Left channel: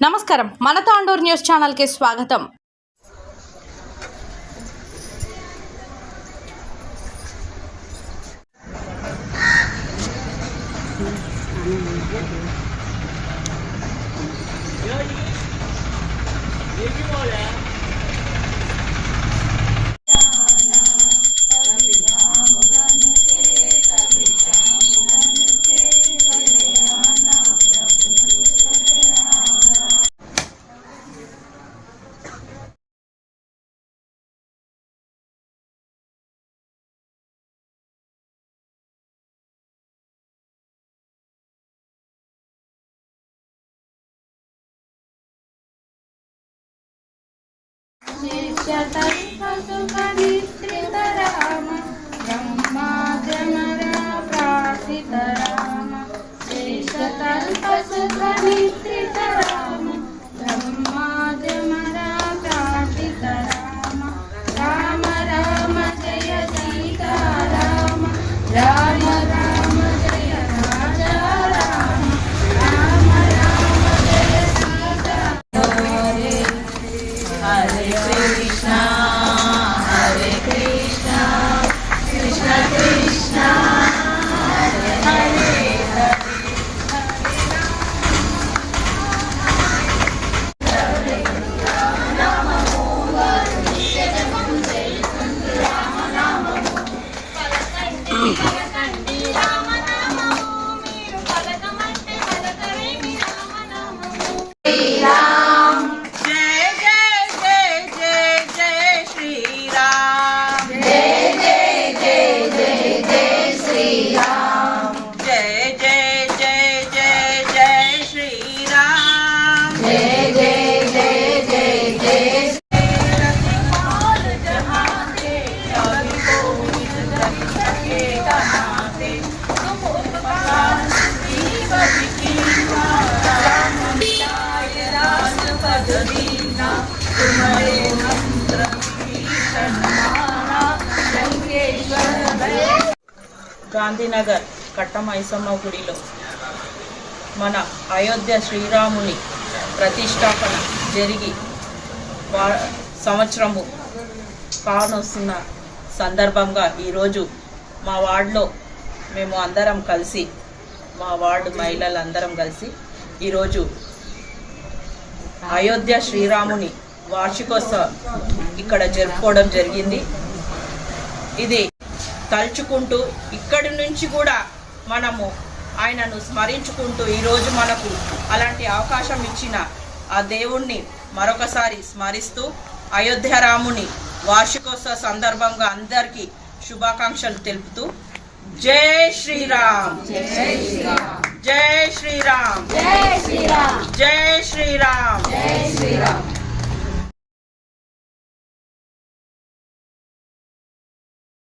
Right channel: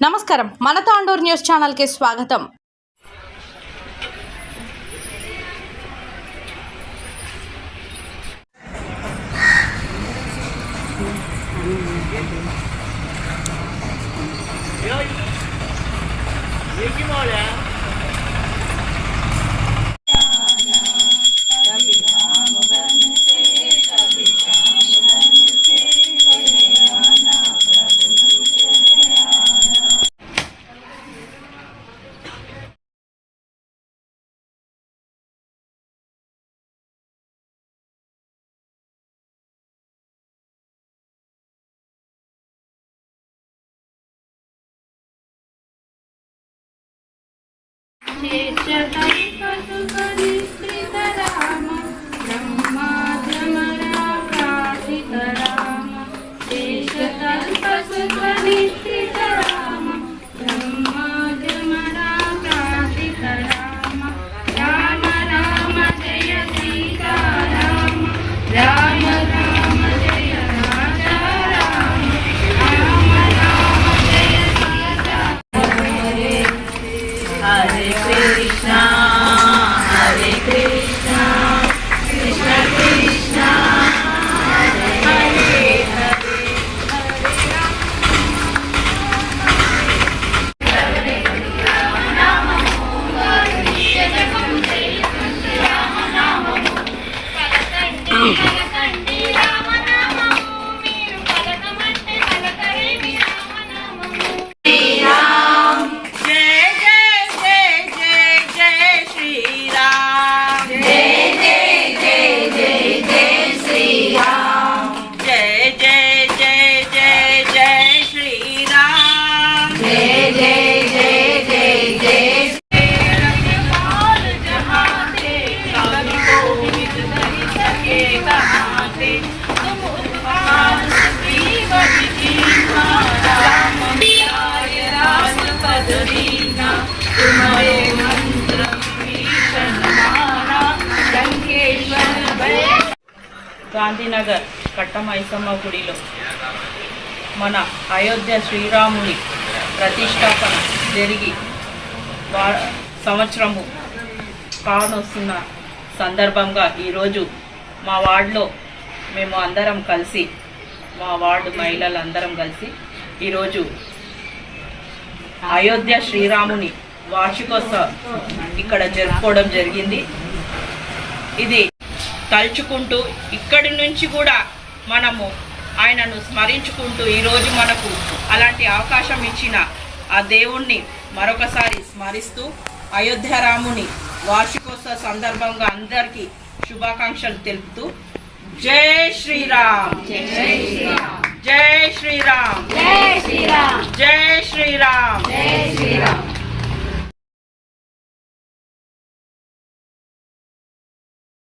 నమస్కారం మన తాండూర్ న్యూస్ ఛానల్కి స్వాగతం চেষ্টা করি কত secret. గాంధీనగర్ కట్టమైసమ్మ గుడిలో మన అయోధ్య శ్రీరాముని ప్రతిష్టాపన జరిగి వా సంవత్సరము కానొస్తున్న సందర్భంగా ఈరోజు మా వార్డులో మేము అందరం కలిసి మా వార్డు మహిళలు అందరం కలిసి ఈరోజు అయోధ్య శ్రీరాముని వార్షికోత్సవం ఇక్కడ జరుపుకోవడం జరిగింది. ఇది తలుచుకుంటూ ఇక్కడి నుంచి కూడా మనము ఆయనను స్మరించుకుంటూ ఈరోజు మనకు అలాంటి అవకాశం ఇచ్చిన ఆ దేవుణ్ణి మరొకసారి స్మరిస్తూ అయోధ్య రాముని వార్షికోత్సవ సందర్భంగా అందరికీ శుభాకాంక్షలు తెలుపుతూ జై శ్రీరామ్. జై శ్రీరామ్. జై శ్రీరామ్. జై శ్రీరామ్. జై శ్రీరామ్. జై శ్రీరామ్.